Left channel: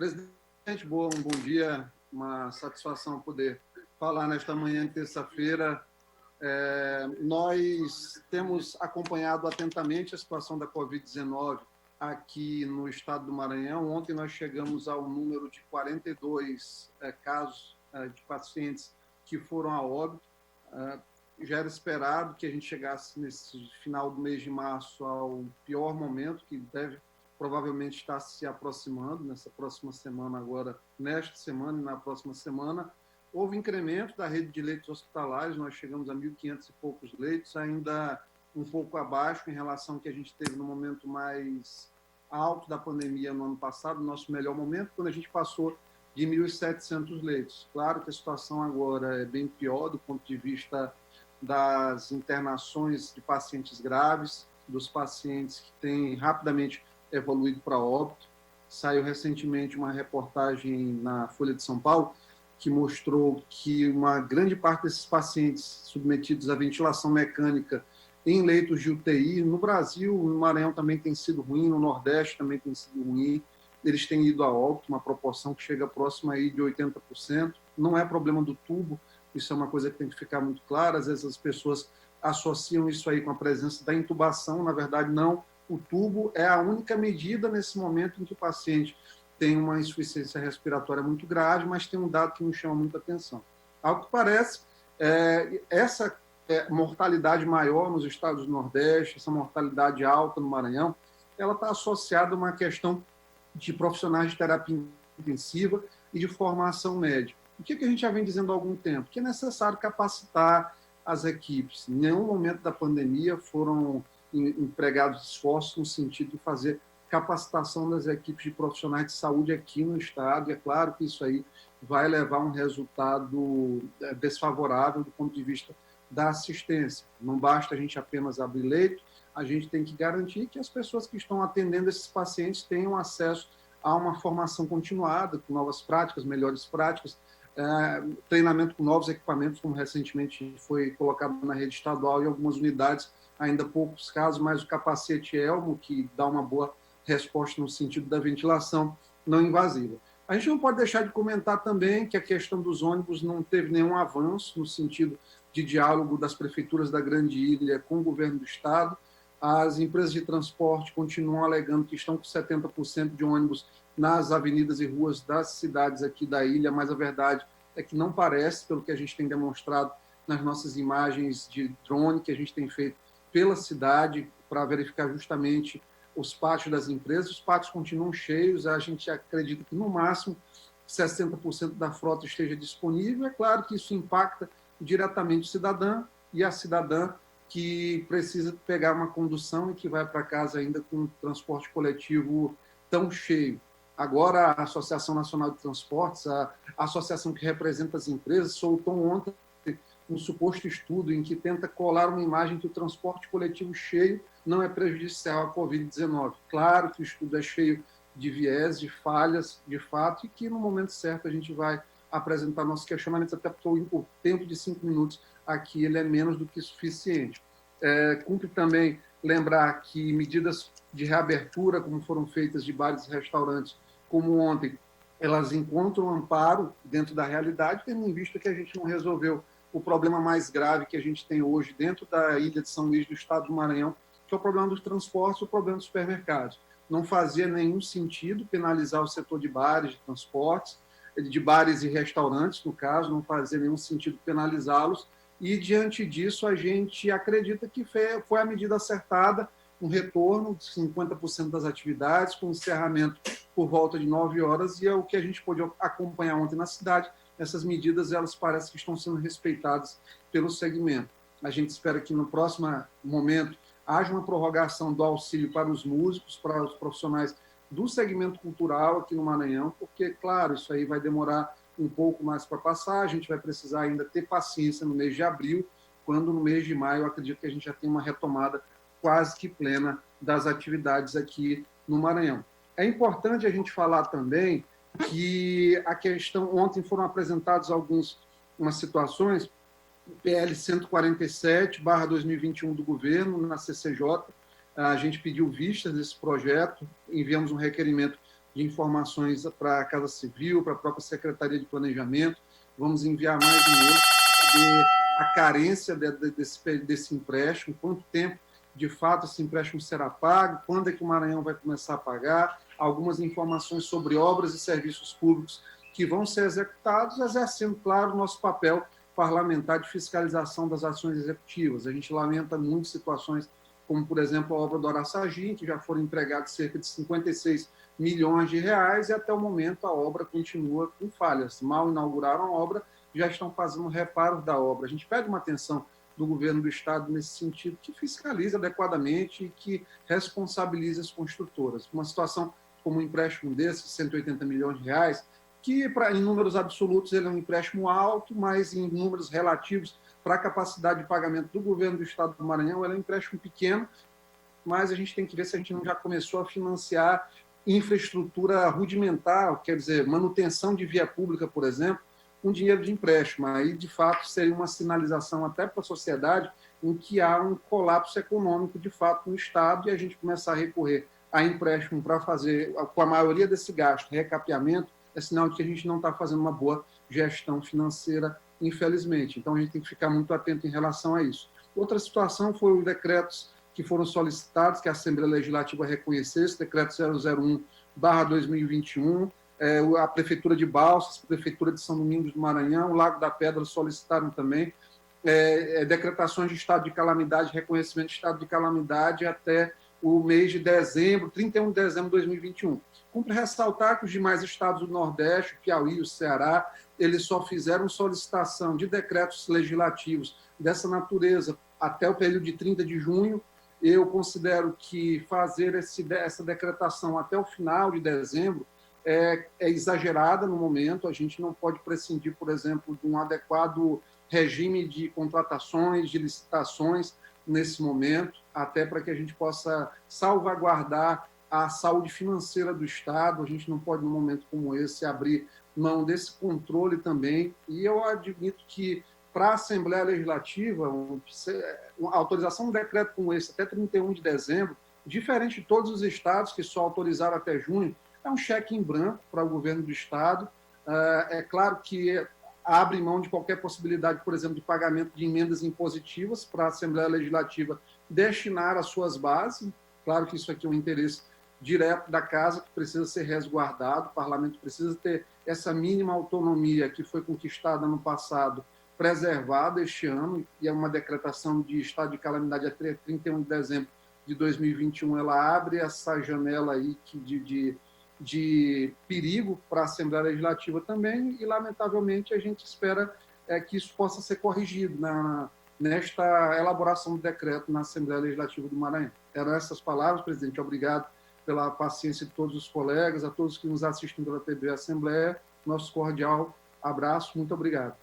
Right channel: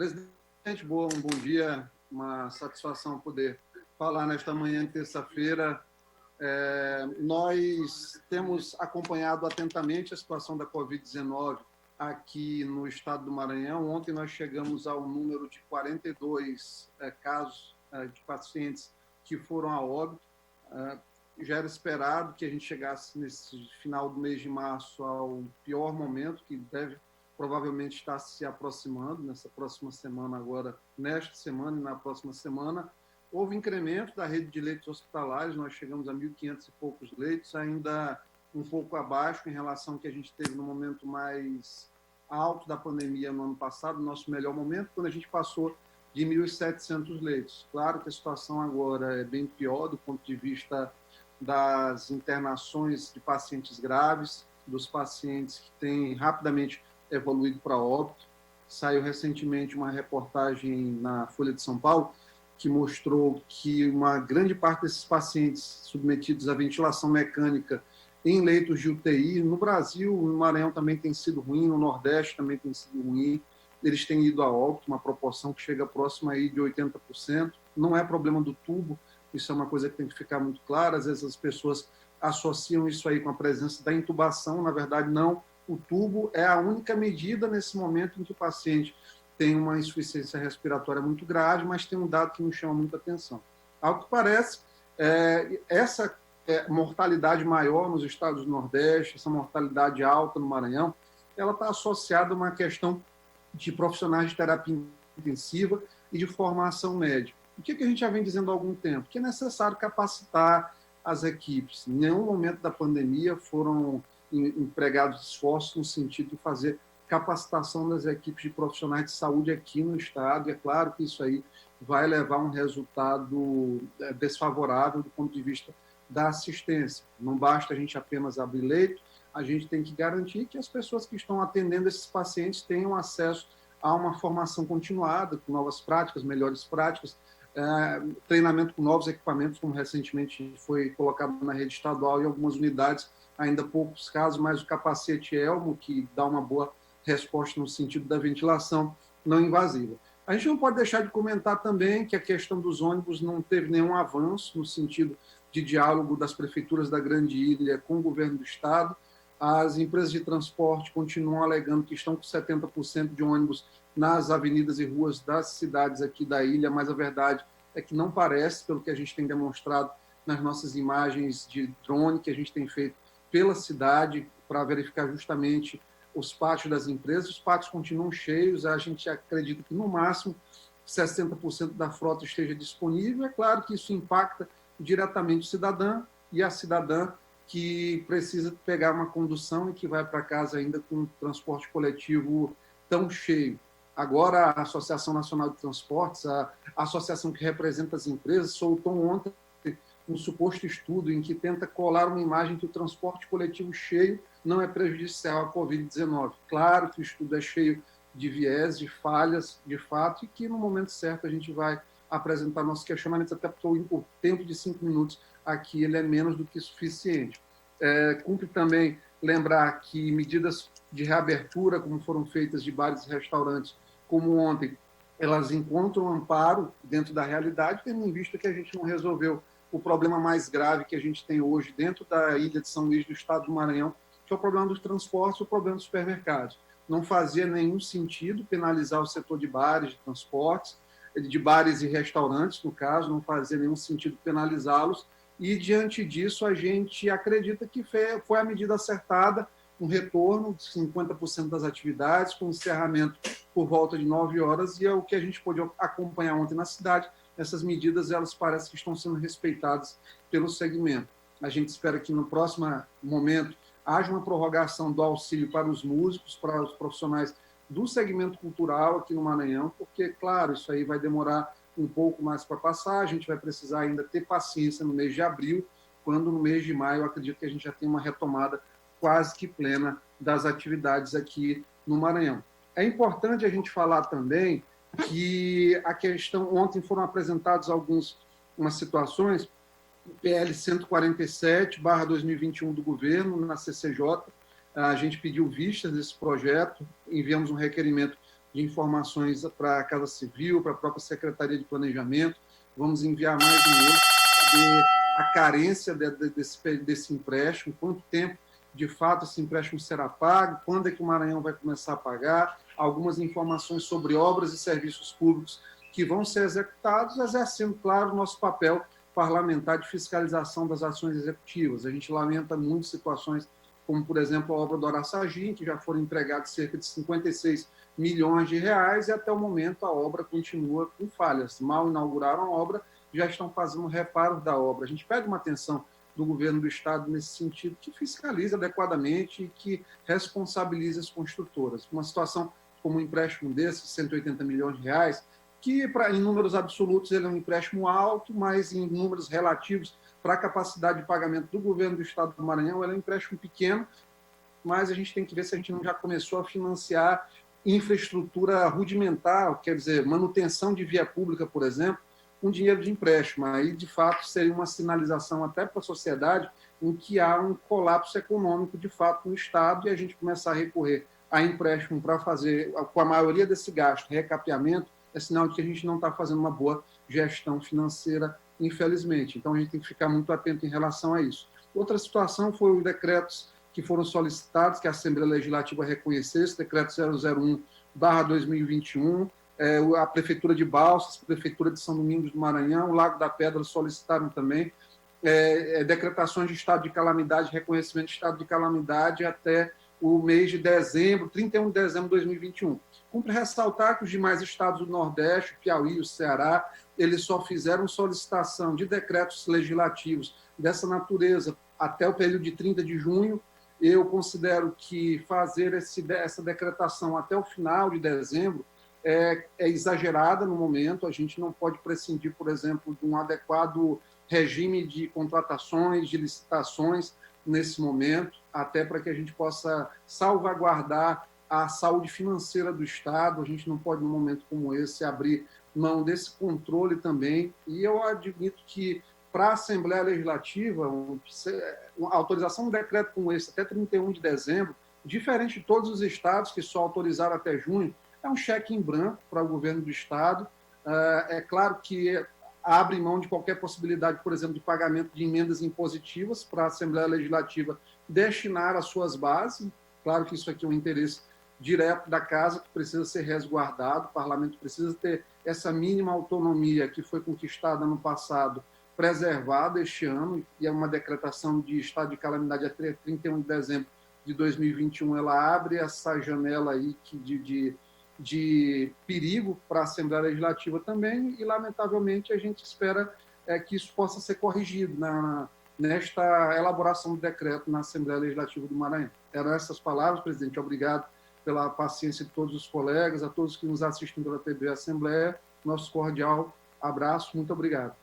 Presidente, um bom dia, uma satisfação poder falar nesta manhã de terça-feira. Nós temos acompanhado atentamente a situação da Covid-19 aqui no estado do Maranhão. Ontem nós chegamos ao número de 42 casos de pacientes que foram a óbito. Já era esperado que a gente chegasse nesse final do mês de março ao pior momento, que deve provavelmente estar se aproximando nessa próxima semana agora, nesta semana e na próxima semana. Houve incremento da rede de leitos hospitalares, nós chegamos a 1.500 e poucos leitos, ainda um pouco abaixo em relação ao que a gente teve no momento mais alto da pandemia no ano passado, nosso melhor momento, quando a gente passou de 1.700 leitos. Claro que a situação agora é bem pior do ponto de vista das internações de pacientes graves, dos pacientes que têm rapidamente evoluído para óbito. Saiu recentemente uma reportagem na Folha de São Paulo que mostrou que uma grande parte desses pacientes submetidos à ventilação mecânica em leitos de UTI, no Brasil, no Maranhão também tem sido ruim, no Nordeste também tem sido ruim, eles têm ido a óbito, uma proporção que chega próxima aí de 80%. Não é problema do tubo, isso é uma coisa que tem que ficar muito clara. Às vezes as pessoas associam isso aí com a presença da intubação, na verdade não. O tubo é a única medida nesse momento em que o paciente tem uma insuficiência respiratória muito grave, mas tem um dado que nos chama muita atenção. Ao que parece, essa mortalidade maior nos estados do Nordeste, essa mortalidade alta no Maranhão, ela está associada a uma questão de profissionais de terapia intensiva e de formação médica. O que a gente já vem dizendo há algum tempo? Que é necessário capacitar as equipes. Em nenhum momento da pandemia foram empregados esforços no sentido de fazer capacitação das equipes de profissionais de saúde aqui no estado. E é claro que isso aí vai levar a um resultado desfavorável do ponto de vista da assistência. Não basta a gente apenas abrir leito, a gente tem que garantir que as pessoas que estão atendendo esses pacientes tenham acesso a uma formação continuada, com novas práticas, melhores práticas, treinamento com novos equipamentos, como recentemente foi colocado na rede estadual em algumas unidades, ainda poucos casos, mas o capacete Elmo, que dá uma boa resposta no sentido da ventilação não invasiva. A gente não pode deixar de comentar também que a questão dos ônibus não teve nenhum avanço no sentido de diálogo das prefeituras da Grande Ilha com o governo do estado. As empresas de transporte continuam alegando que estão com 70% de ônibus nas avenidas e ruas das cidades aqui da ilha, mas a verdade é que não parece, pelo que a gente tem demonstrado nas nossas imagens de drone que a gente tem feito pela cidade para verificar justamente os pátios das empresas. Os pátios continuam cheios, a gente acredita que no máximo 60% da frota esteja disponível. É claro que isso impacta diretamente o cidadão e a cidadã que precisa pegar uma condução e que vai para casa ainda com um transporte coletivo tão cheio. Agora, a Associação Nacional de Transportes, a associação que representa as empresas, soltou ontem um suposto estudo em que tenta colar uma imagem que o transporte coletivo cheio não é prejudicial à Covid-19. Claro que o estudo é cheio de viés, de falhas, de fato, e que no momento certo a gente vai apresentar nossos questionamentos, até porque o tempo de 5 minutos aqui ele é menos do que suficiente. Cumpre também lembrar que medidas de reabertura, como foram feitas de bares e restaurantes, como ontem, elas encontram amparo dentro da realidade, tendo em vista que a gente não resolveu o problema mais grave que a gente tem hoje dentro da ilha de São Luís, do estado do Maranhão, que é o problema dos transportes, o problema dos supermercados. Não fazia nenhum sentido penalizar o setor de bares, de transportes, de bares e restaurantes, no caso, não fazia nenhum sentido penalizá-los, e diante disso a gente acredita que foi a medida acertada, um retorno de 50% das atividades, com encerramento por volta de 9 horas, e é o que a gente pôde acompanhar ontem na cidade. Essas medidas, elas parecem que estão sendo respeitadas pelo segmento. A gente espera que no próximo momento haja uma prorrogação do auxílio para os músicos, para os profissionais do segmento cultural aqui no Maranhão, porque, claro, isso aí vai demorar um pouco mais para passar, a gente vai precisar ainda ter paciência no mês de abril, quando no mês de maio eu acredito que a gente já tem uma retomada quase que plena das atividades aqui no Maranhão. É importante a gente falar também que a questão, ontem foram apresentadas algumas situações, PL 147/2021 do governo, na CCJ, a gente pediu vistas desse projeto, enviamos um requerimento de informações para a Casa Civil, para a própria Secretaria de Planejamento. Vamos enviar mais dinheiro para ver a carência desse empréstimo, quanto tempo, de fato, esse empréstimo será pago, quando é que o Maranhão vai começar a pagar, algumas informações sobre obras e serviços públicos que vão ser executados, exercendo, claro, o nosso papel parlamentar de fiscalização das ações executivas. A gente lamenta muito situações como, por exemplo, a obra do Araçagi, que já foram entregados cerca de 56 milhões de reais e até o momento a obra continua com falhas. Mal inauguraram a obra, já estão fazendo reparo da obra. A gente pede uma atenção do governo do Estado nesse sentido, que fiscalize adequadamente e que responsabilize as construtoras. Uma situação como um empréstimo desse, 180 milhões de reais, que em números absolutos ele é um empréstimo alto, mas em números relativos para a capacidade de pagamento do governo do Estado do Maranhão, ele é um empréstimo pequeno, mas a gente tem que ver se a gente não já começou a financiar infraestrutura rudimentar, quer dizer, manutenção de via pública, por exemplo, com dinheiro de empréstimo. Aí, de fato, seria uma sinalização até para a sociedade em que há um colapso econômico, de fato, no Estado, e a gente começar a recorrer a empréstimo para fazer, com a maioria desse gasto, recapeamento, é sinal de que a gente não está fazendo uma boa gestão financeira, infelizmente. Então, a gente tem que ficar muito atento em relação a isso. Outra situação foi os decretos que foram solicitados, que a Assembleia Legislativa reconhecesse, decreto 001/2021, a Prefeitura de Balsas, a Prefeitura de São Domingos do Maranhão, o Lago da Pedra solicitaram também decretações de estado de calamidade, reconhecimento de estado de calamidade até o mês de dezembro, 31 de dezembro de 2021. Cumpre ressaltar que os demais estados do Nordeste, Piauí, o Ceará, eles só fizeram solicitação de decretos legislativos dessa natureza até o período de 30 de junho. Eu considero que fazer essa decretação até o final de dezembro é exagerada no momento. A gente não pode prescindir, por exemplo, de um adequado regime de contratações, de licitações nesse momento, até para que a gente possa salvaguardar a saúde financeira do Estado. A gente não pode, num momento como esse, abrir mão desse controle também. E eu admito que, para a Assembleia Legislativa, a autorização de um decreto como esse até 31 de dezembro, diferente de todos os estados que só autorizaram até junho, é um cheque em branco para o governo do Estado. É claro que abre mão de qualquer possibilidade, por exemplo, de pagamento de emendas impositivas para a Assembleia Legislativa destinar às suas bases. Claro que isso aqui é um interesse direto da Casa, que precisa ser resguardado. O Parlamento precisa ter essa mínima autonomia que foi conquistada no passado, preservada este ano, e é uma decretação de estado de calamidade até 31 de dezembro de 2021. Ela abre essa janela aí de perigo para a Assembleia Legislativa também, e, lamentavelmente, a gente espera que isso possa ser corrigido nesta elaboração do decreto na Assembleia Legislativa do Maranhão. Eram essas palavras, presidente. Obrigado pela paciência de todos os colegas, a todos que nos assistem pela TV Assembleia. Nosso cordial abraço. Muito obrigado.